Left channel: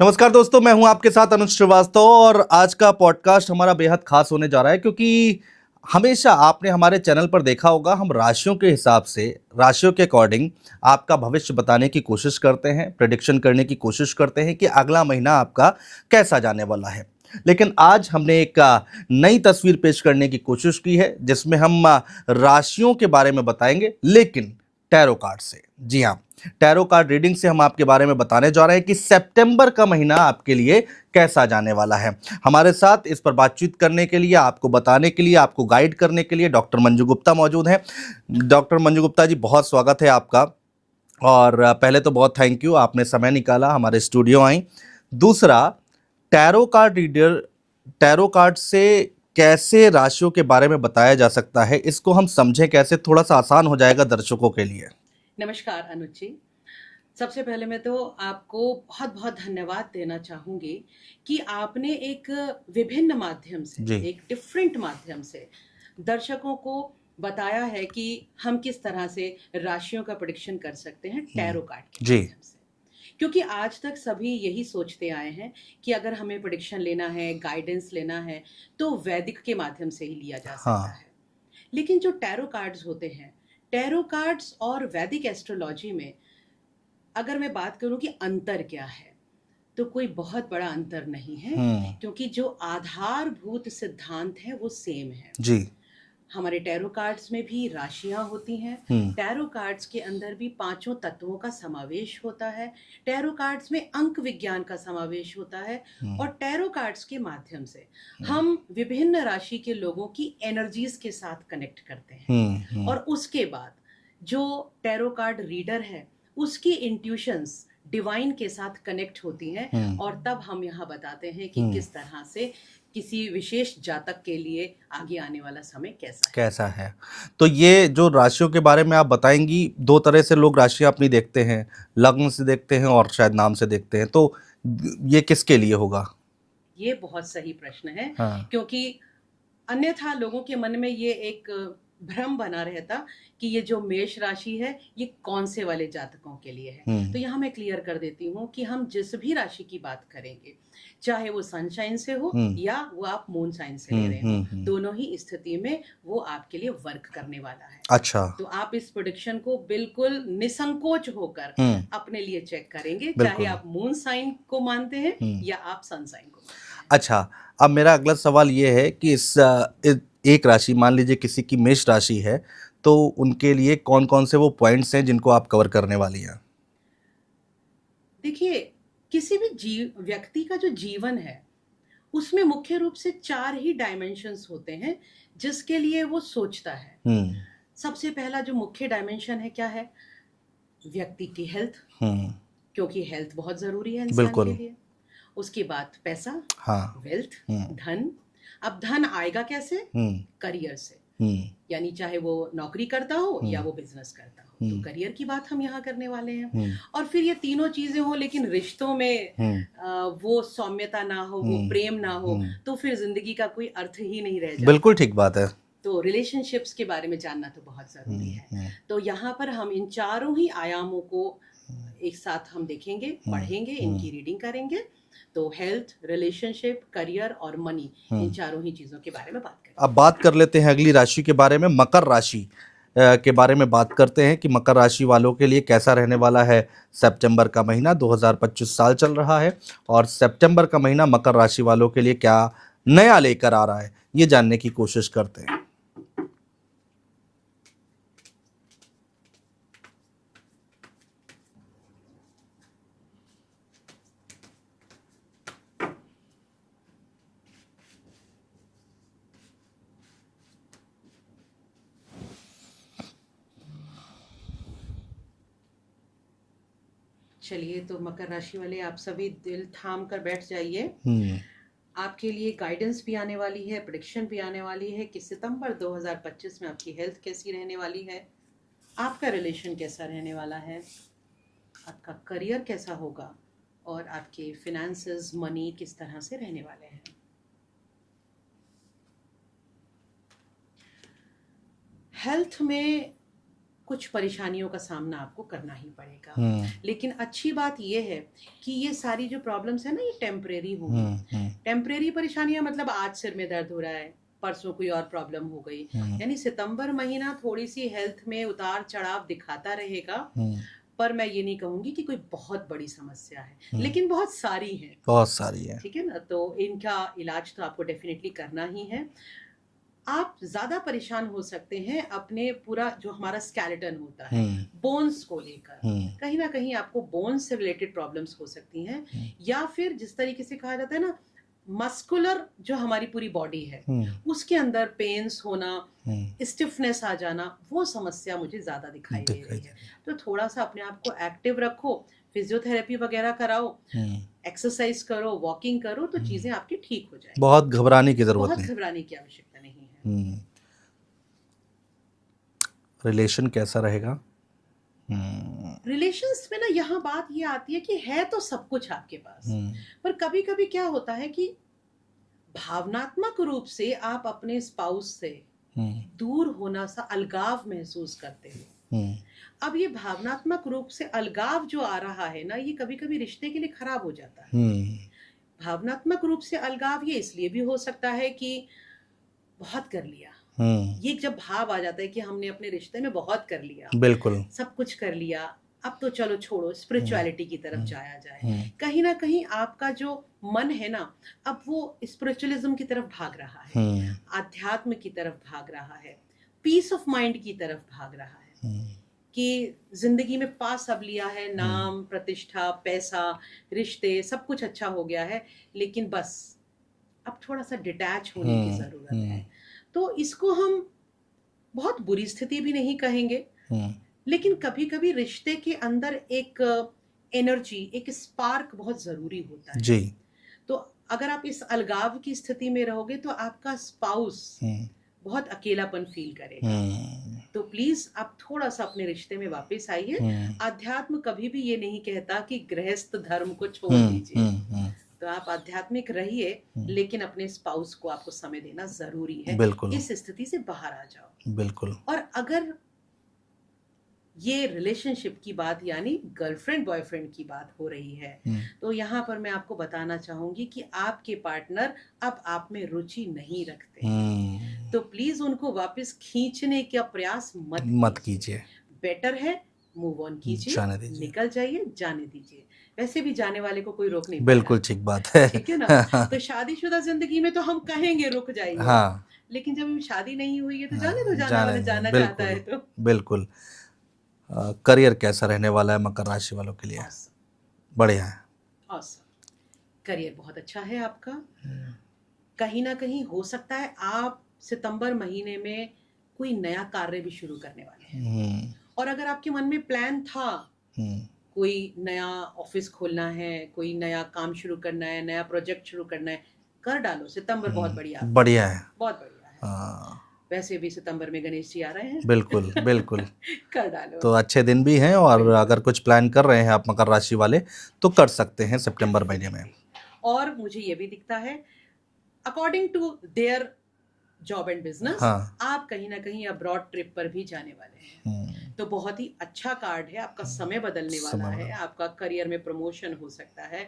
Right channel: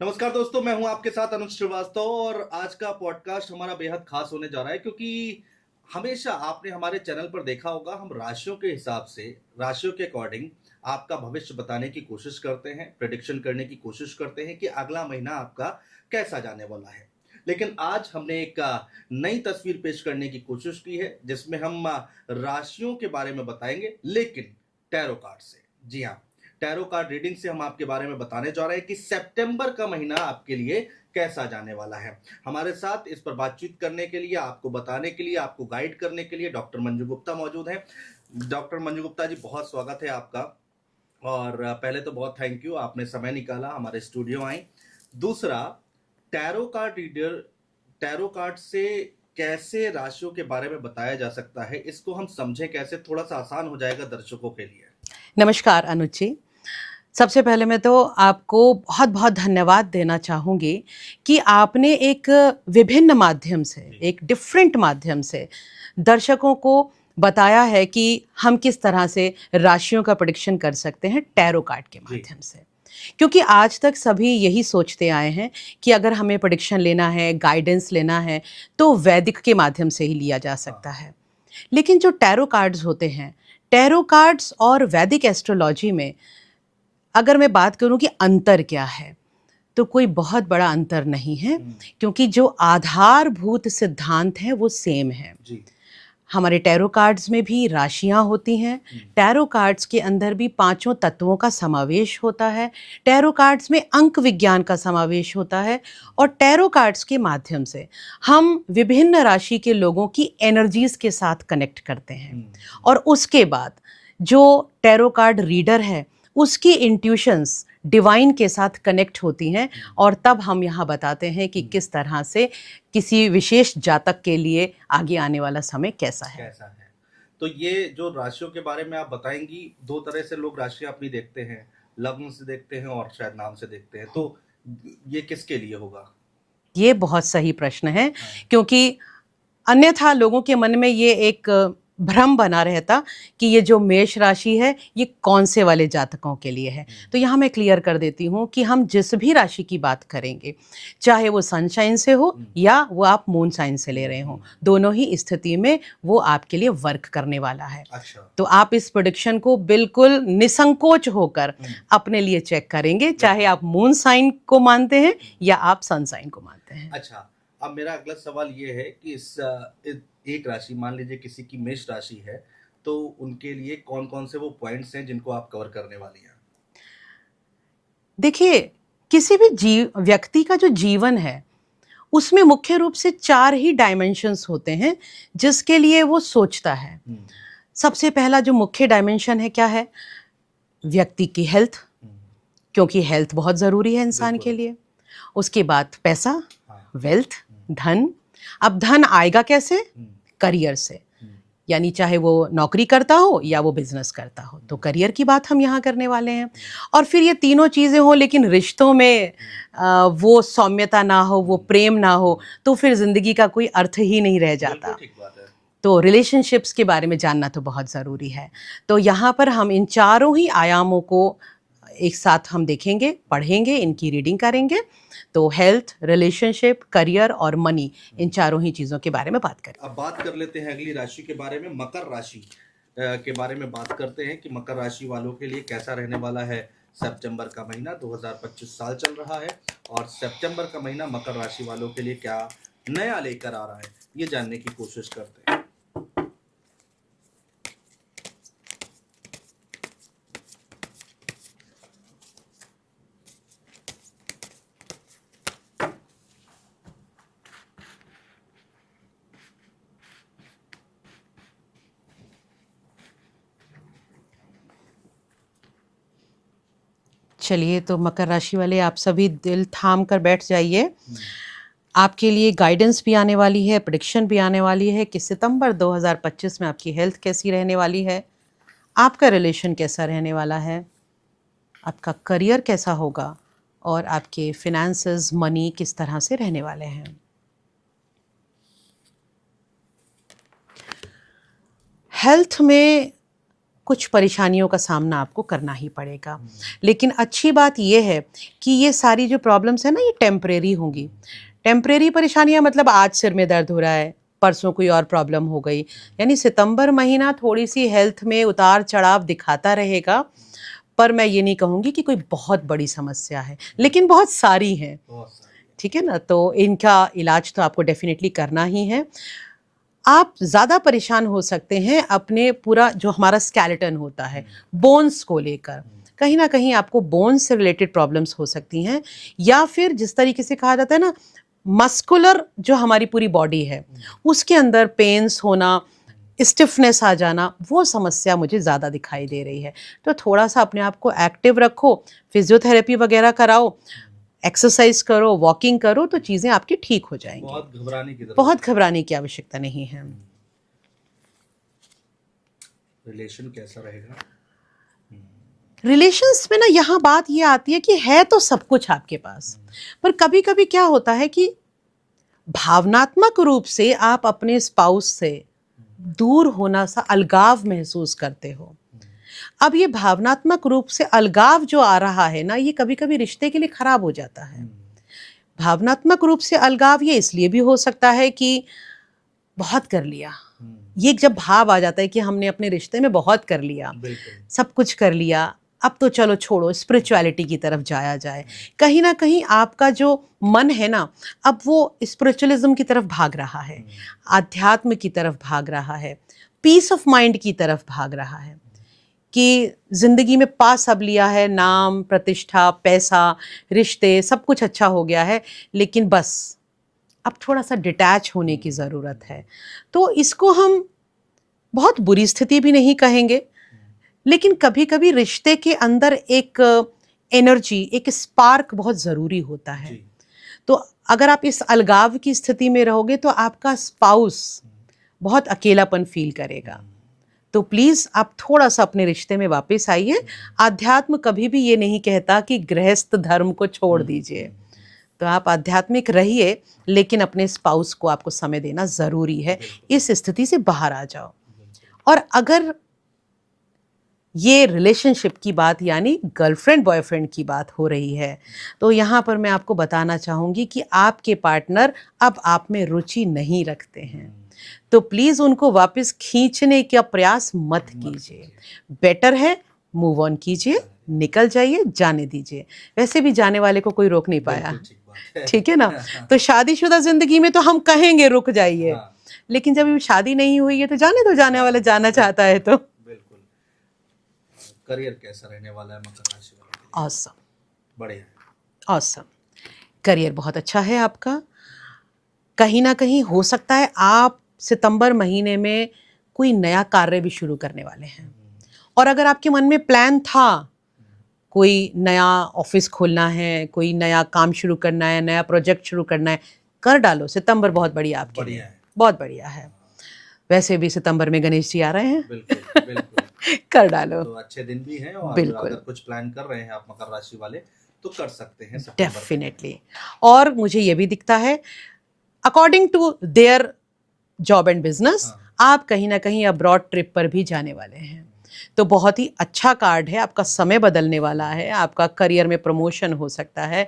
नमस्कार दोस्तों, मैं हूं आपके साथ अनुज श्रीवास्तव और आज का पॉडकास्ट हमारा बेहद खास होने जा रहा है क्योंकि हमेशा आपने हमारे चैनल पर देखा होगा हम राशियों के हिसाब से, राशियों के अकॉर्डिंग आपका भविष्य बताने की कोशिश करते हैं, प्रेडिक्शन करने की कोशिश करते हैं कि अगला महीना आपका कैसा जाने वाला है। लेकिन आज हमने एक नई तस्वीर पेश करने की कोशिश की है जिसमें हम राशियों के बारे में बताएंगे, लेकिन टैरो कार्ड से। जी हाँ, टैरो कार्ड रीडिंग से हम आपके बारे में बताने जा रहे हैं कि सितंबर का महीना आपके लिए कैसा जाने वाला है। हमारे साथ इस पर बातचीत करने के लिए, आपको बताने के लिए, आपको गाइड करने के लिए डॉक्टर मंजू गुप्ता मौजूद हैं। डॉक्टर मंजू गुप्ता जी, बहुत स्वागत है आपका। और पहले तो बहुत थैंक यू, आपने समय निकाला, हमारे स्टूडियो आई। दूसरा, tarot card reader, tarot card से कैसे राशियों के बारे में बताया जा सकता है, इसको हम समझें कैसे, थोड़ा सा आसान हो जाएगा दर्शकों के लिए। नमस्कार अनुज जी। सबसे पहले मैं तो आपको बहुत बहुत धन्यवाद देना चाहूँगी कि आपने एक विभिन्न माध्यम से, जी। एक डिफरेंट माध्यम से दर्शकों को बताया है कि हम किस तरह से राशियों का प्रेडिक्शन कर सकते हैं टैरो कार्ड के जी। माध्यम से। क्योंकि आज तक सभी यही सोचते आए हैं कि अगर हमें प्रेडिक्शन लेना है, गाइडेंस लेना है, तो वैदिक के माध्यम से ही लिया जा सकता है। लेकिन जो टैरो कार्ड्स होते हैं, टैरो कार्ड्स और वैदिक एस्ट्रोलॉजी में अगर मैं बात करूं कि अंतर क्या है, तो कोई बहुत बड़ा अंतर नहीं है, क्योंकि जो आधारभूत सिद्धांत हैं वो सेम है। जी। हमारे टैरो कार्ड्स में भी राशियां होती हैं। टैरो कार्ड्स के अंदर भी पांचों तत्वों का समावेश होता है। टैरो कार्ड्स में अंक विज्ञान का समावेश होता है। और टैरो कार्ड्स के माध्यम से हम विभिन्न राशि के लोगों की एनर्जीज के साथ कनेक्ट करते हैं। और उसके बाद जो टैरो कार्ड रीडर है उसकी इंट्यूशंस डिवाइन के साथ कनेक्ट होती हैं। और तब हम यहाँ बताते हैं कि किस तरह से किसी विशेष जातक के लिए आगे आने वाला समय कैसा है। तो ये जो राशियों के बारे में आप बताएंगी, दो तरह से लोग राशियां अपनी देखते हैं, लग्न से देखते हैं और शायद नाम से देखते हैं, तो ये किसके लिए होगा? ये बहुत सही प्रश्न है। हाँ। क्योंकि अन्यथा लोगों के मन में ये एक भ्रम बना रहता कि ये जो मेष राशि है ये कौन से वाले जातकों के लिए है। तो यहाँ मैं क्लियर कर देती हूँ कि हम जिस भी राशि की बात करेंगे, चाहे वो सनशाइन से हो या वो आप मून साइन से ले रहे हो, दोनों ही स्थिति में वो आपके लिए वर्क करने वाला है। अच्छा। तो आप इस प्रेडिक्शन को बिल्कुल निसंकोच होकर अपने लिए चेक करेंगे, चाहे आप मून साइन को मानते हैं या आप सन साइन को मानते हैं। अच्छा, अब मेरा अगला सवाल ये है कि एक राशि, मान लीजिए किसी की मेष राशि है, तो उनके लिए कौन कौन से वो पॉइंट्स हैं जिनको आप कवर करने वाली हैं? देखिए, किसी भी व्यक्ति का जो जीवन है उसमें मुख्य रूप से 4 ही डायमेंशंस होते हैं जिसके लिए वो सोचता है। सबसे पहला जो मुख्य डायमेंशन है क्या है? व्यक्ति की हेल्थ, क्योंकि हेल्थ बहुत ज़रूरी है इंसान के लिए। उसके बाद पैसा, वेल्थ, धन। अब धन आएगा कैसे? करियर से, यानी चाहे वो नौकरी करता हो या वो बिजनेस करता हो, तो करियर की बात हम यहाँ करने वाले हैं। और फिर ये तीनों चीजें हो लेकिन रिश्तों में वो सौम्यता ना हो, वो प्रेम ना हो, तो फिर जिंदगी का कोई अर्थ ही नहीं रह जाता। बिल्कुल ठीक बात है। तो रिलेशनशिप्स के बारे में जानना तो बहुत ज़रूरी है। तो यहाँ पर हम इन चारों ही आयामों को एक साथ हम देखेंगे, पढ़ेंगे, इनकी रीडिंग करेंगे। तो हेल्थ, रिलेशनशिप, करियर और मनी, इन चारों ही चीज़ों के बारे में बात करेंगे। अब बात कर लेते हैं अगली राशि के बारे में, मकर राशि के बारे में बात करते हैं कि मकर राशि वालों के लिए कैसा रहने वाला है सितंबर का महीना। 2025 साल चल रहा है और सितंबर का महीना मकर राशि वालों के लिए क्या नया लेकर आ रहा है, ये जानने की कोशिश करते हैं। चलिए, तो मकर राशि वाले आप सभी दिल थाम कर बैठ जाइए। आपके लिए गाइडेंस भी आने वाली है, प्रेडिक्शन भी आने वाली है कि सितंबर 2025 में आपकी हेल्थ कैसी रहने वाली है, आपका रिलेशन कैसा रहने वाला है, आपका करियर कैसा होगा और आपके फिनेंसेस, मनी किस तरह से रहने वाले हैं। हेल्थ में कुछ परेशानियों का सामना आपको करना ही पड़ेगा। लेकिन अच्छी बात ये है कि ये सारी जो प्रॉब्लम्स है ना, ये टेम्परेरी होंगी। टेम्परेरी परेशानियां मतलब आज सिर में दर्द हो रहा है, परसों कोई और प्रॉब्लम हो गई, यानी सितंबर महीना थोड़ी सी हेल्थ में उतार चढ़ाव दिखाता रहेगा। पर मैं ये नहीं कहूंगी कि कोई बहुत बड़ी समस्या है, लेकिन बहुत सारी है, बहुत सारी है। ठीक है ना। तो इनका इलाज तो आपको डेफिनेटली करना ही है। आप ज़्यादा परेशान हो सकते हैं अपने पूरा जो हमारा स्केलेटन होता है, बोन्स को लेकर। कहीं ना कहीं आपको बोन्स से रिलेटेड प्रॉब्लम्स हो सकती हैं, या फिर जिस तरीके से कहा जाता है ना, मस्कुलर जो हमारी पूरी बॉडी है उसके अंदर पेन्स होना, स्टिफनेस आ जाना, वो समस्या मुझे ज़्यादा दिखाई दे रही है। तो थोड़ा सा अपने आप को एक्टिव रखो, फिजियोथेरेपी वगैरह कराओ, एक्सरसाइज करो, वॉकिंग करो, तो चीज़ें आपकी ठीक हो जाएंगी। बहुत घबराने की जरूरत बहुत नहीं। घबराने की आवश्यकता नहीं है। रिलेशन कैसा रहेगा? रिलेशंस में ना यहाँ बात ये आती है कि है तो सब कुछ आपके पास, पर कभी कभी क्या होता है कि भावनात्मक रूप से आप अपने स्पाउस से दूर होना सा अलगाव महसूस करते हो। अब ये भावनात्मक रूप से अलगाव जो आ रहा है ना, ये कभी कभी रिश्ते के लिए खराब हो जाता है। भावनात्मक रूप से अलगाव ये इसलिए भी हो सकता है कि बहुत कर लिया, ये जब भाव आ जाता है कि हमने अपने रिश्ते में बहुत कर लिया, बिल्कुल सब कुछ कर लिया, अब तो चलो छोड़ो, स्पिरिचुअलिटी की तरफ जाया जाए। कहीं ना कहीं आपका जो मन है ना, अब वो स्पिरिचुअलिज्म की तरफ भाग रहा है, आध्यात्म की तरफ भाग रहा है, पीस ऑफ माइंड की तरफ भाग रहा है, कि जिंदगी में पा सब लिया है, नाम, प्रतिष्ठा, पैसा, रिश्ते, सब कुछ अच्छा हो गया है, लेकिन बस अब थोड़ा सा डिटैच होने की ज़रूरत है। तो इसको हम बहुत बुरी स्थिति भी नहीं कहेंगे, लेकिन कभी कभी रिश्ते के अंदर एक एनर्जी, एक स्पार्क बहुत ज़रूरी होता है जी। तो अगर आप इस अलगाव की स्थिति में रहोगे तो आपका स्पाउस बहुत अकेलापन फील करेगा। तो प्लीज़ आप थोड़ा सा अपने रिश्ते में वापस आइए। आध्यात्म कभी भी ये नहीं कहता कि गृहस्थ धर्म को छोड़ दीजिए। तो आप आध्यात्मिक रहिए, लेकिन अपने स्पाउस को आपको समय देना ज़रूरी है। इस स्थिति से बाहर आ जाओ। बिल्कुल। और अगर ये रिलेशनशिप की बात, यानी गर्लफ्रेंड बॉयफ्रेंड की बात हो रही है, तो यहाँ पर मैं आपको बताना चाहूँगी कि आपके पार्टनर अब आप में रुचि नहीं रखते हैं। तो प्लीज़ उनको वापस खींचने का प्रयास मत कीजिए। बेटर है मूव ऑन कीजिए, निकल जाइए, जाने दीजिए। वैसे भी जाने वाले को कोई रोक नहीं पाएगा। बिल्कुल ठीक बात है, ठीक है ना। तो शादीशुदा जिंदगी में तो हम कहेंगे रुक जाइए, हाँ। लेकिन जब शादी नहीं हुई है तो जाने दो, जाने वाला जाना चाहता है तो। बिल्कुल। करियर कैसा रहने वाला है मकर राशि वालों के लिए? ऑसम, बढ़िया है। ऑसम, करियर बहुत अच्छा है आपका। कहीं ना कहीं हो सकता है आप सितंबर महीने में कोई नया कार्य भी शुरू करने वाले हैं, और अगर आपके मन में प्लान था कोई नया ऑफिस खोलना है, कोई नया काम शुरू करना है, नया प्रोजेक्ट शुरू करना है, कर डालो। सितंबर बहुत बढ़िया है, बहुत बढ़िया है। वैसे भी सितंबर में गणेश जी आ रहे हैं। बिल्कुल बिल्कुल कर डालो। तो अच्छे दिन भी हैं, और अगर कुछ प्लान कर रहे हैं आप मकर राशि वाले तो कर सकते हैं सितंबर महीने में। और मुझे ये भी दिखता है according to their job and business, आप कहीं ना कहीं अब्रॉड ट्रिप पर भी जाने वाले हैं। तो बहुत ही अच्छा कार्ड है, आपका समय बदलने वाला है, आपका करियर में प्रमोशन हो सकता है।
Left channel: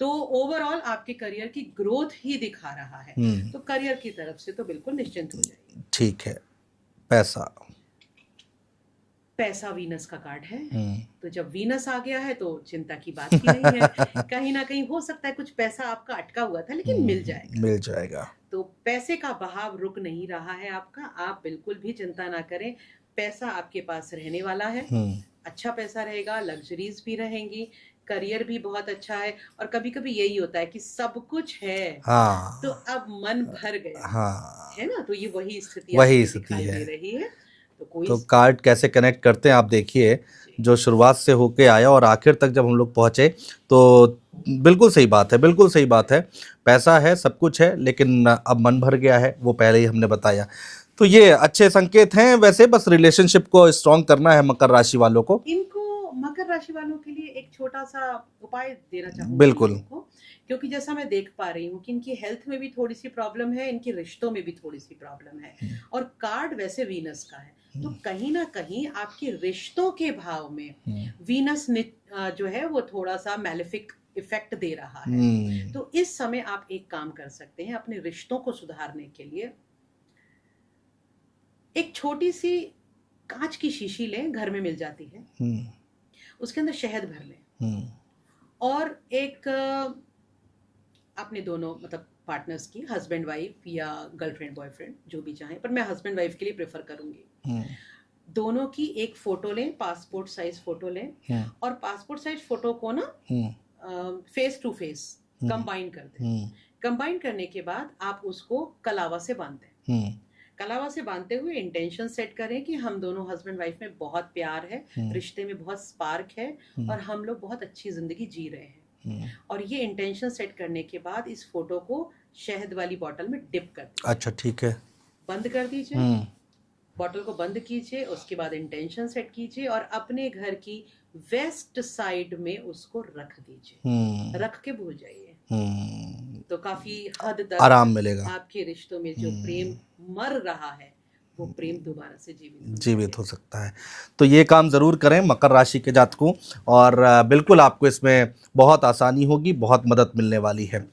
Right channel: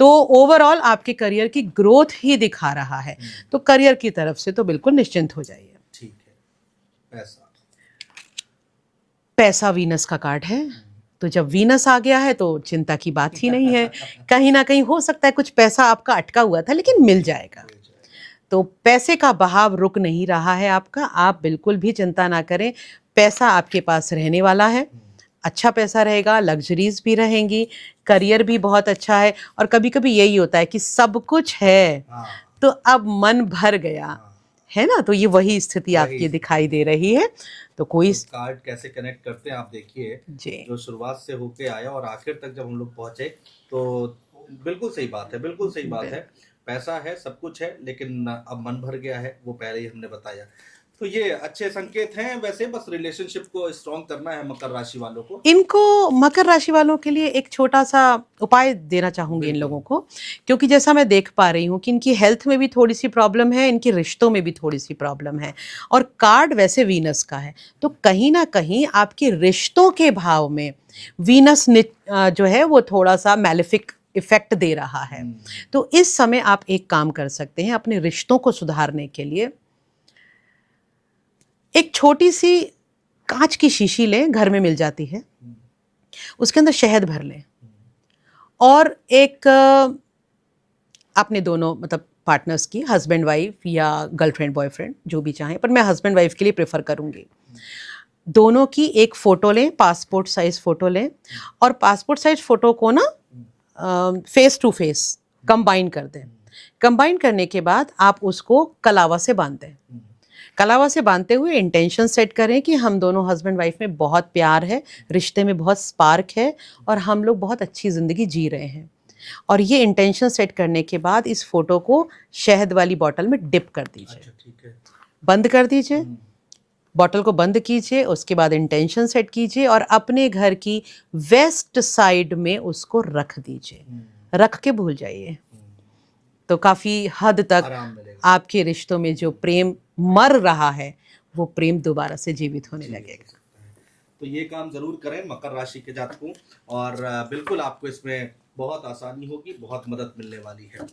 तो ओवरऑल आपके करियर की ग्रोथ ही दिखा रहा है। तो करियर की तरफ से तो बिल्कुल निश्चिंत हो जाइए। ठीक है। पैसा, पैसा वीनस का कार्ड है, तो जब वीनस आ गया है तो चिंता की बात ही नहीं है। कहीं ना कहीं हो सकता है कुछ पैसा आपका अटका हुआ था, लेकिन मिल जाएगा। तो पैसे का बहाव रुक नहीं रहा है आपका, आप बिल्कुल भी चिंता ना करें। पैसा आपके पास रहने वाला है, अच्छा पैसा रहेगा, लग्जरीज भी रहेंगी, करियर भी बहुत अच्छा है। और कभी कभी यही होता है कि सब कुछ है, तो अब मन भर गया, है ना। तो ये वही स्थिति आपकी दिखाई दे रही है। तो कोई तो कार्ड कैसे कनेक्ट करते हैं आप देखिए, जो शुरुआत से होके आया और आखिर तक जब हम लोग पहुंचे, तो बिल्कुल सही बात है, बिल्कुल सही बात है। पैसा है, सब कुछ है, लेकिन अब मन भर गया है, वो पहले ही हमने बताया। तो ये अच्छे संकेत हैं वैसे, बस रिलेशनशिप को स्ट्रॉन्ग करना है मकर राशि वालों को। इनको मकर राशि वालों के लिए एक छोटा सा उपाय देना चाहूंगी इन बिल्कुल। लोगों को, क्योंकि जैसा मैं देख पा रही हूँ कि इनकी हेल्थ में भी थोड़ी सी प्रॉब्लम है, इनकी रिश्तों में भी थोड़ी सी प्रॉब्लम है, और कार्ड वैसे वीनस का है, तो कहीं ना कहीं आपके रिश्तों के भाव में वीनस जो है वो थोड़ा सा मैलेफिक इफेक्ट दे रहा है। तो इस समय आप एक काम कर सकते हैं अपने रिश्तों को सुधारने के लिए। एक छोटी सी कांच की शीशी लें, घर में मिल जाती है, उसके अंदर शहद भर लें, और एक आपने दोनों मतलब पार्टनर्स की, हस्बैंड वाइफ या गर्लफ्रेंड बॉयफ्रेंड जो भी चाहें, पर मैं हस्बैंड वाइफ के लिए प्रेफर करूंगी, दोनों की एक फोटो लें, पासपोर्ट साइज फोटो लें, और पासपोर्ट साइज फोटो को ना फेस टू फेस कंबाइन कर दें। कंबाइन करने के बाद आप उसको कलावा से बांध दें। कलावा से बांधते हुए इंटेंशन सेट करें कि हम दोनों हस्बैंड वाइफ में बहुत प्यार है, रिश्ते में बहुत स्पार्क है, और हम लोग बहुत अच्छी जिंदगी जी रहे हैं। और ये इंटेंशन सेट करने के बाद इस फोटो को शहद वाली बॉटल में डिप कर दीजिए। अच्छा, ठीक है। बंद कर दीजिए, बॉटल को बंद कीजिए, उसके बाद इंटेंशन सेट कीजिए और अपने घर की वेस्ट साइड में उसको रख दीजिए। रख के भूल जाइए, तो काफी हद तक आराम मिलेगा। आपके रिश्तों में जो प्रेम मर रहा है वो प्रेम दोबारा से जीवित हो सकता है। तो ये काम जरूर करें मकर राशि के जातकों, और बिल्कुल आपको इसमें बहुत आसानी होगी, बहुत मदद मिलने वाली है।